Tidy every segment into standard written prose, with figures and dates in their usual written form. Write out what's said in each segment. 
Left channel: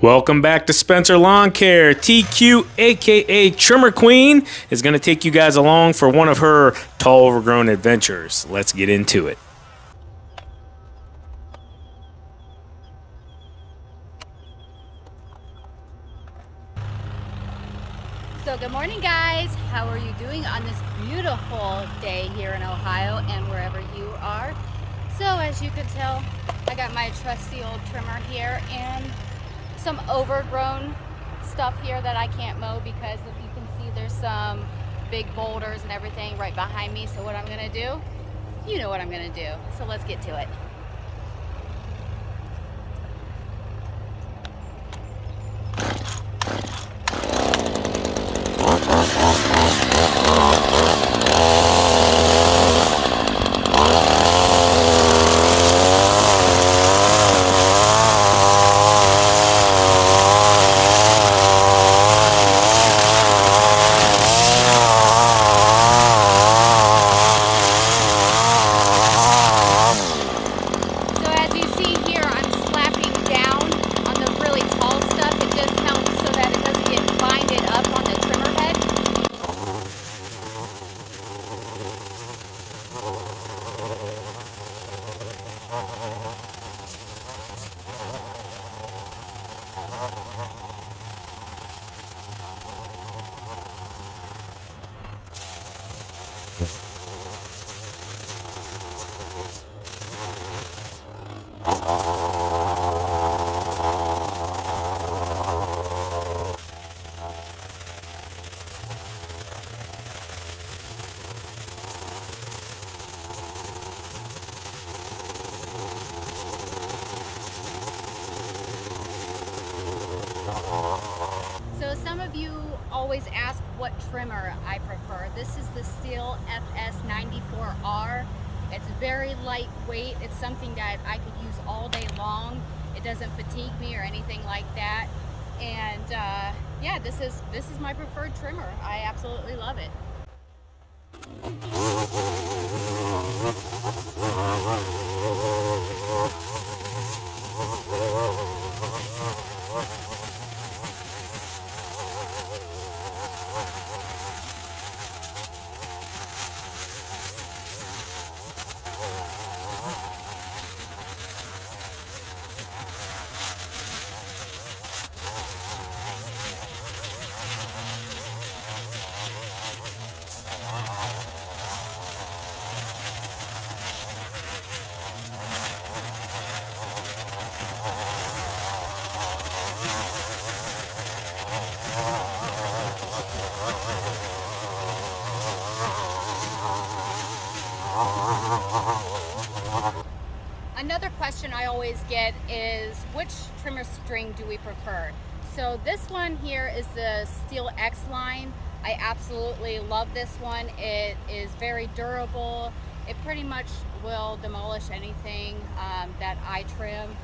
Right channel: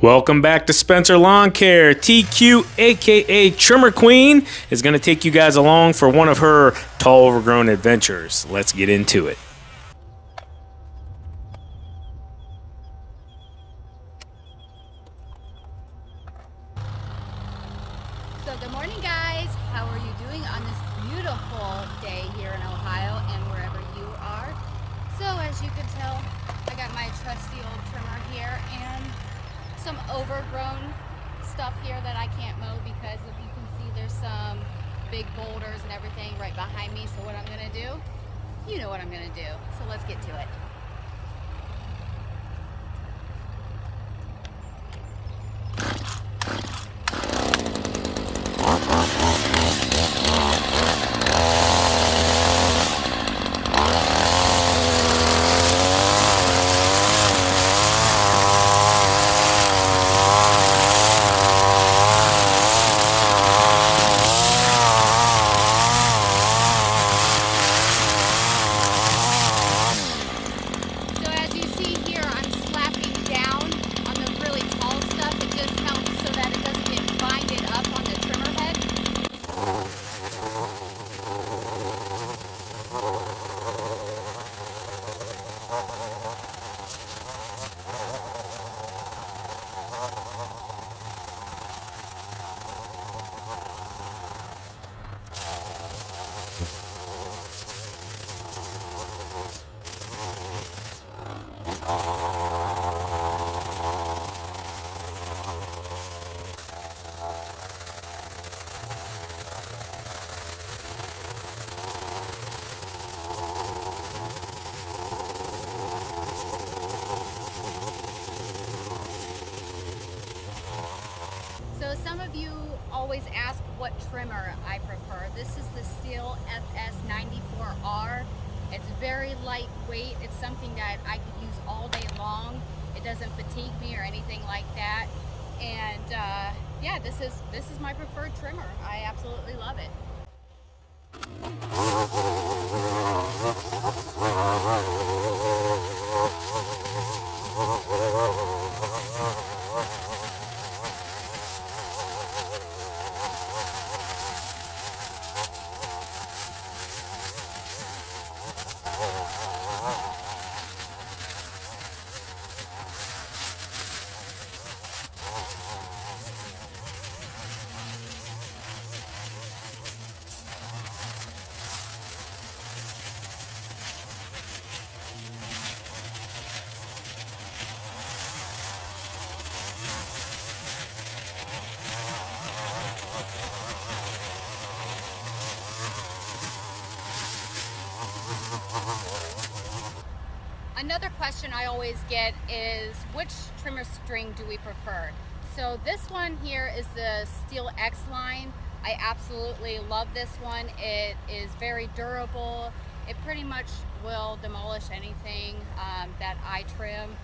Welcome back to Spencer Lawn Care. TQ, aka Trimmer Queen, is going to take you guys along for one of her tall overgrown adventures. Let's get into it. So good morning, guys. How are you doing on this beautiful day here in Ohio and wherever you are? So as you can tell, I got my trusty old trimmer here and some overgrown stuff here that I can't mow because if you can see there's some big boulders and everything right behind me. So what I'm gonna do, you know what I'm gonna do. So let's get to it. So some of you always ask what trimmer I prefer. This is the Stihl FS94R. It's very lightweight. It's something that I could use all day long. It doesn't fatigue me or anything like that. And yeah, this is my preferred trimmer. I absolutely love it. Another question I always get is which trimmer string do we prefer? So this one here is the Stihl X line. I absolutely love this one. It is very durable. It pretty much will demolish anything that I trim,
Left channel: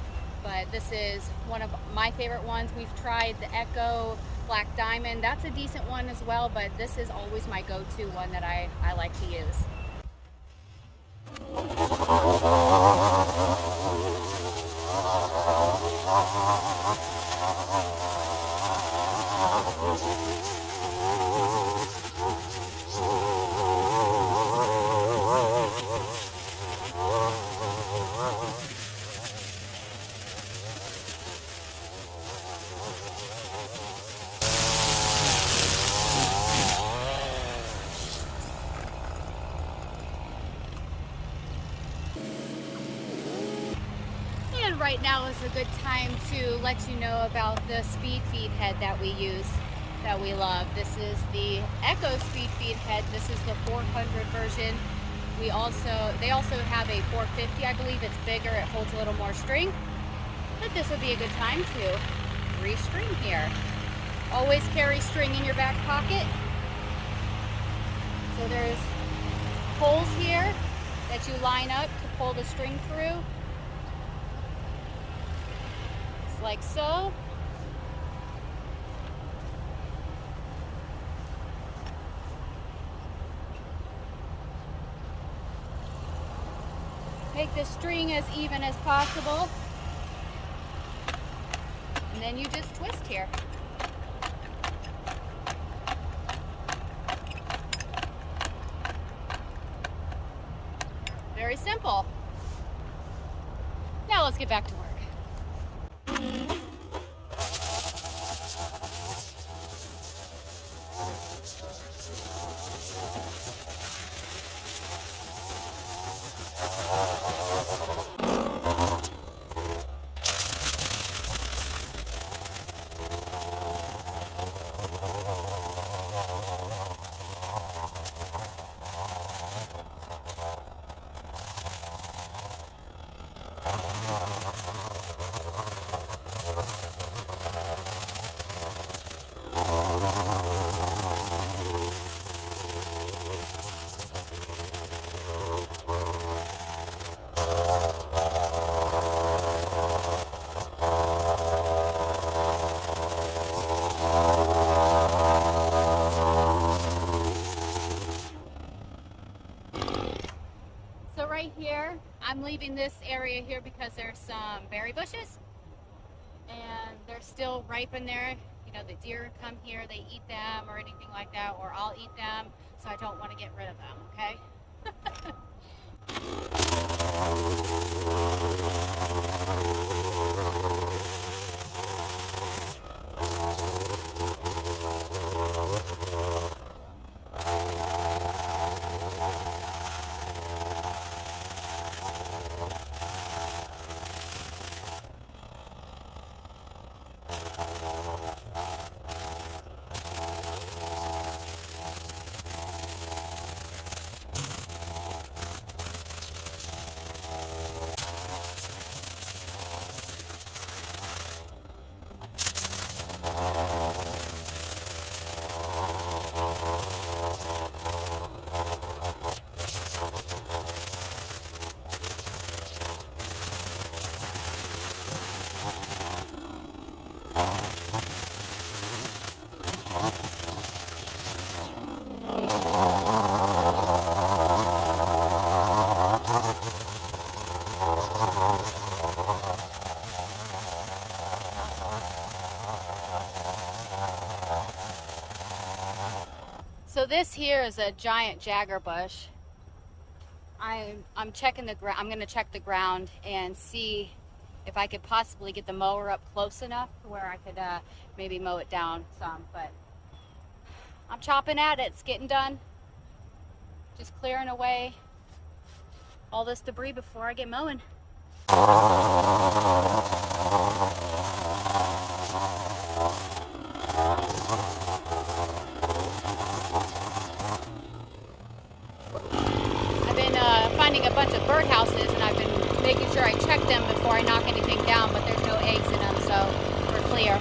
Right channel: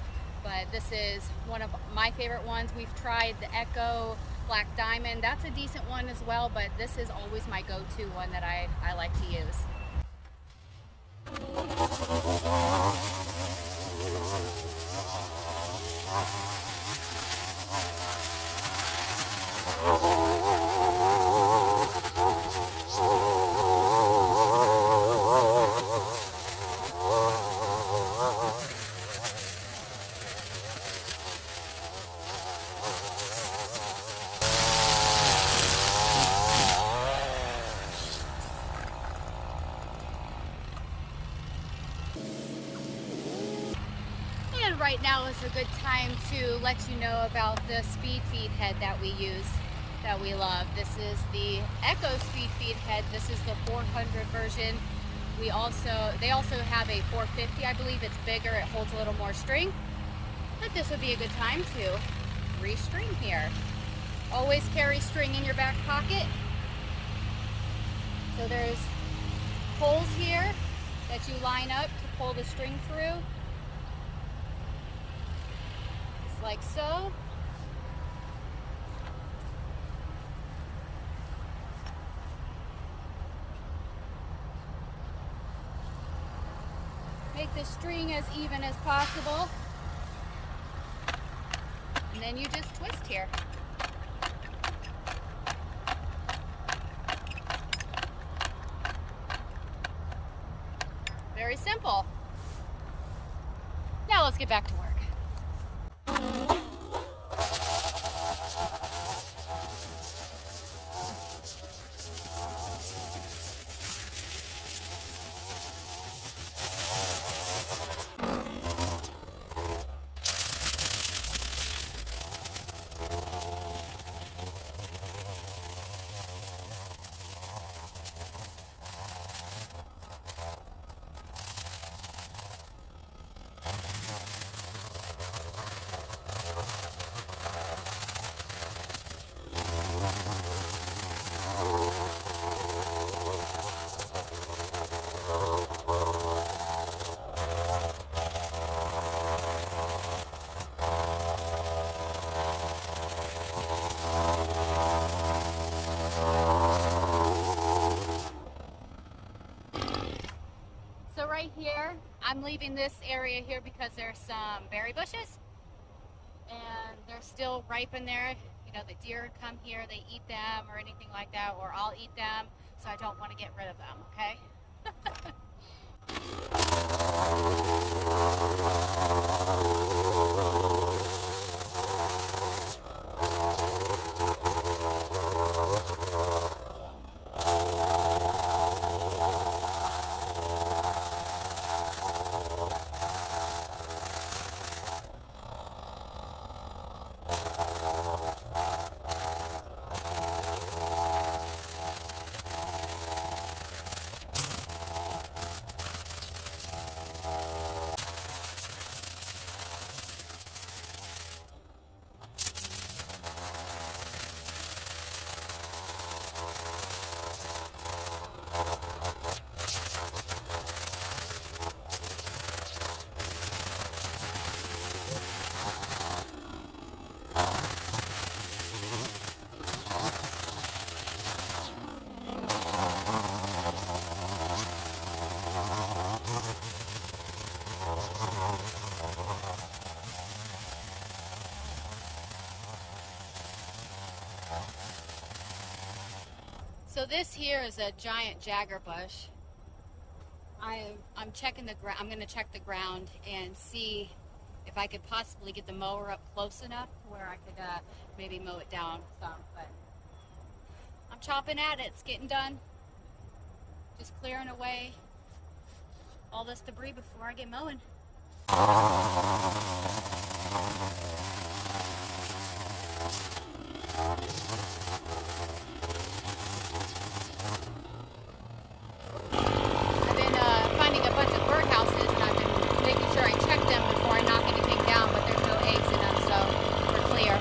but this is one of my favorite ones. We've tried the Echo Black Diamond. That's a decent one as well, but this is always my go-to one that I like to use. Right now is a good time to let you know about the speed feed head that we use, that we love. This is the Echo speed feed head. This is the 400 version. They also have a 450, I believe. It's bigger, it holds a little more string, but this would be a good time to restring here. Always carry string in your back pocket. So there's holes here that you line up to pull the string through. Like so. Make the string as even as possible. And then you just twist here. Very simple. Now let's get back to work. So right here, I'm leaving this area here because there's some berry bushes and they're still ripe in there. You know, the deer come here, they eat them or anything like that, or I'll eat them, so I don't want to get rid of them, okay? So this here is a giant jagger bush. I'm checking the ground. I'm going to check the ground and see if I could possibly get the mower up close enough to where I could maybe mow it down some. But I'm chopping at it. It's getting done. Just clearing away all this debris before I get mowing. Finding a bunch of birdhouses, and I've been making sure I check them before I knock anything down, but there's no eggs in them, so we're clear.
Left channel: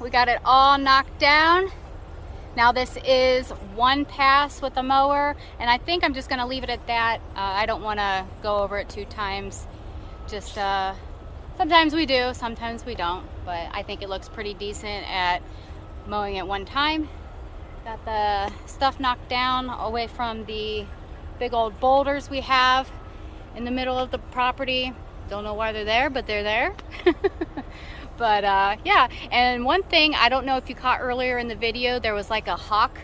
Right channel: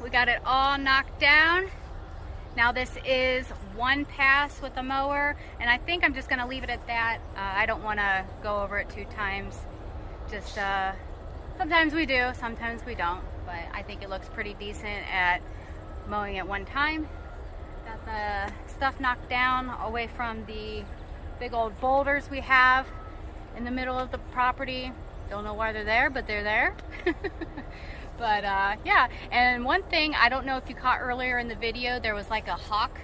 We got it all knocked down. Now this is one pass with the mower, and I think I'm just going to leave it at that. I don't want to go over it 2 times. Just sometimes we do, sometimes we don't, but I think it looks pretty decent at mowing at one time. Got the stuff knocked down away from the big old boulders we have in the middle of the property. Don't know why they're there, but they're there. But yeah, and one thing, I don't know if you caught earlier in the video, there was like a hawk,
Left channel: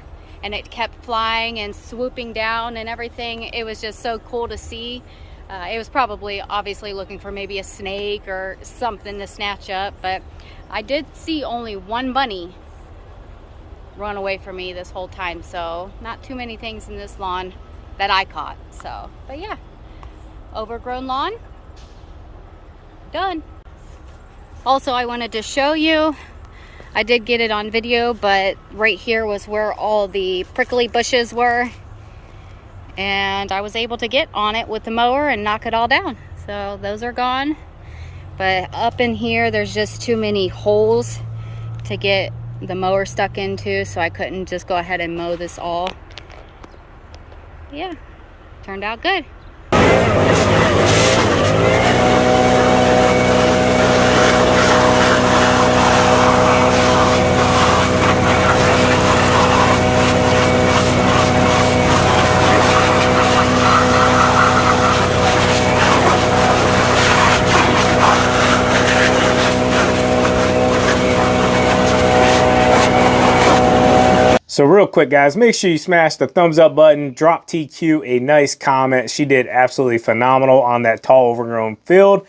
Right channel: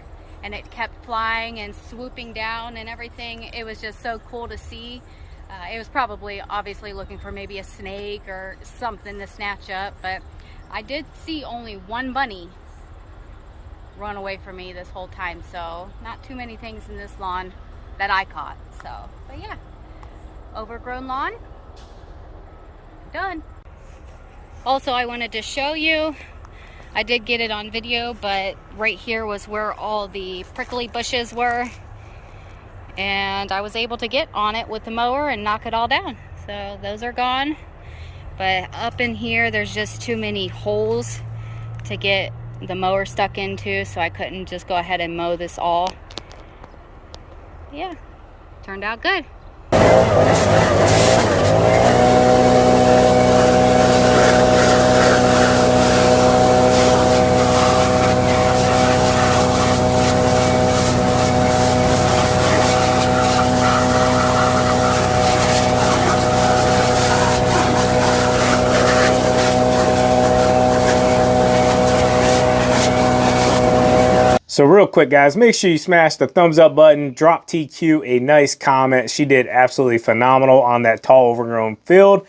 and it kept flying and swooping down and everything. It was just so cool to see. It was probably obviously looking for maybe a snake or something to snatch up, but I did see only one bunny run away from me this whole time, so not too many things in this lawn that I caught. So, but yeah, overgrown lawn, done. Also, I wanted to show you, I did get it on video, but right here was where all the prickly bushes were, and I was able to get on it with the mower and knock it all down. So those are gone, but up in here there's just too many holes to get the mower stuck into, so I couldn't just go ahead and mow this all. Yeah, turned out good. So real quick, guys, make sure you smash the thumbs up button, drop TQ a nice comment. She did absolutely phenomenal on that tall overgrown field.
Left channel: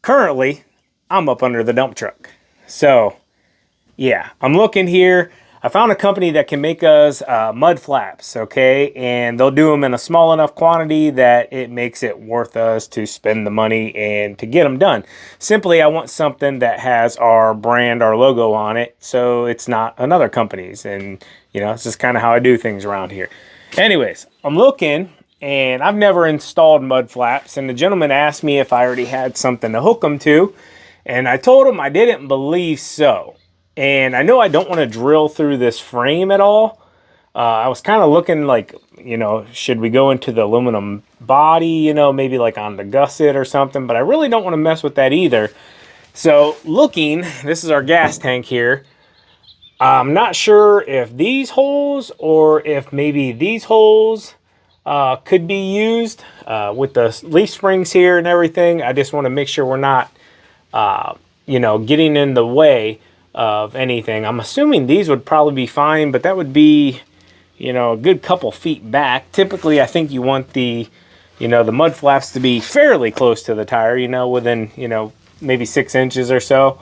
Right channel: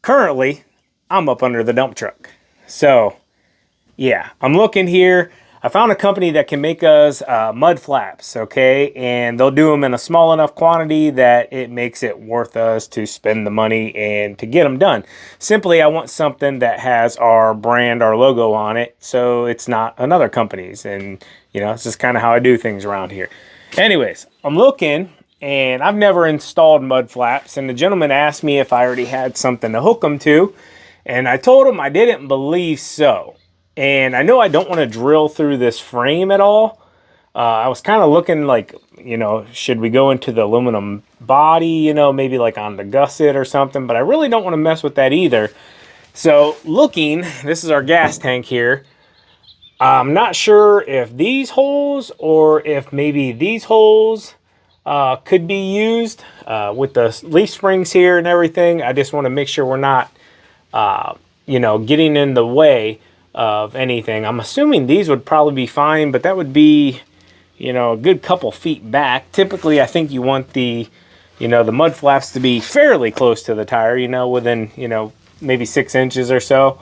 Currently, I'm up under the dump truck. So yeah, I'm looking here. I found a company that can make us mud flaps, okay? And they'll do them in a small enough quantity that it makes it worth us to spend the money and to get them done. Simply, I want something that has our brand, our logo on it, so it's not another company's. And, you know, it's just kind of how I do things around here. Anyways, I'm looking, and I've never installed mud flaps. And the gentleman asked me if I already had something to hook them to. And I told him I didn't believe so. And I know I don't want to drill through this frame at all. I was kind of looking like, you know, should we go into the aluminum body, you know, maybe like on the gusset or something. But I really don't want to mess with that either. So looking, this is our gas tank here. I'm not sure if these holes or if maybe these holes could be used with the leaf springs here and everything. I just want to make sure we're not, you know, getting in the way of anything. I'm assuming these would probably be fine, but that would be, you know, a good couple feet back. Typically, I think you want the, you know, the mud flaps to be fairly close to the tire, you know, within, you know, maybe 6 inches or so.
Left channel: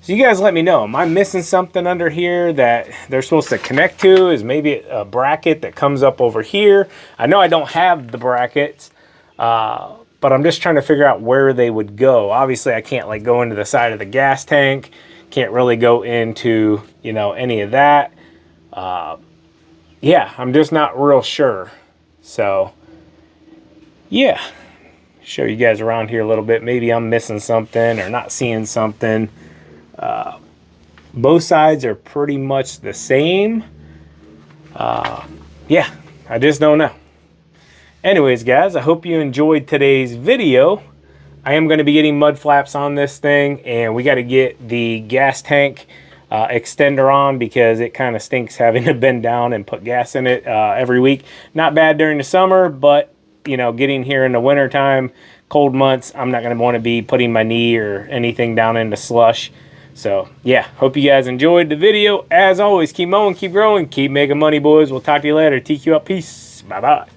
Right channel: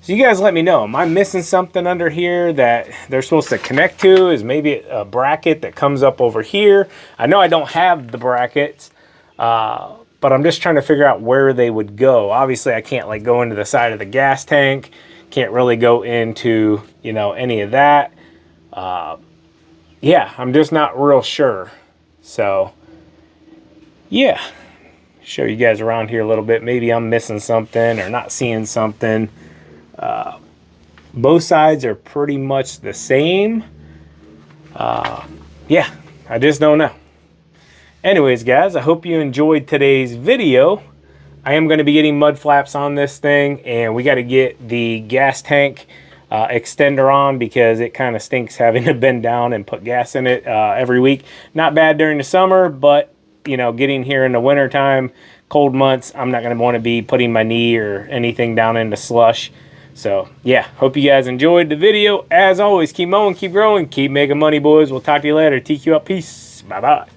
So you guys let me know. Am I missing something under here that they're supposed to connect to? Is maybe a bracket that comes up over here? I know I don't have the brackets, but I'm just trying to figure out where they would go. Obviously, I can't like go into the side of the gas tank. Can't really go into, you know, any of that. Yeah, I'm just not real sure. So, yeah. Show you guys around here a little bit. Maybe I'm missing something or not seeing something. Both sides are pretty much the same. Yeah, I just don't know. Anyways, guys, I hope you enjoyed today's video. I am going to be getting mud flaps on this thing, and we got to get the gas tank extender on because it kind of stinks having to bend down and put gas in it every week. Not bad during the summer, but, you know, getting here in the winter time, cold months, I'm not going to want to be putting my knee or anything down into slush. So, yeah, hope you guys enjoyed the video. As always, keep mowing, keep growing, keep making money, boys. We'll talk to you later. TQ up. Peace. Bye-bye.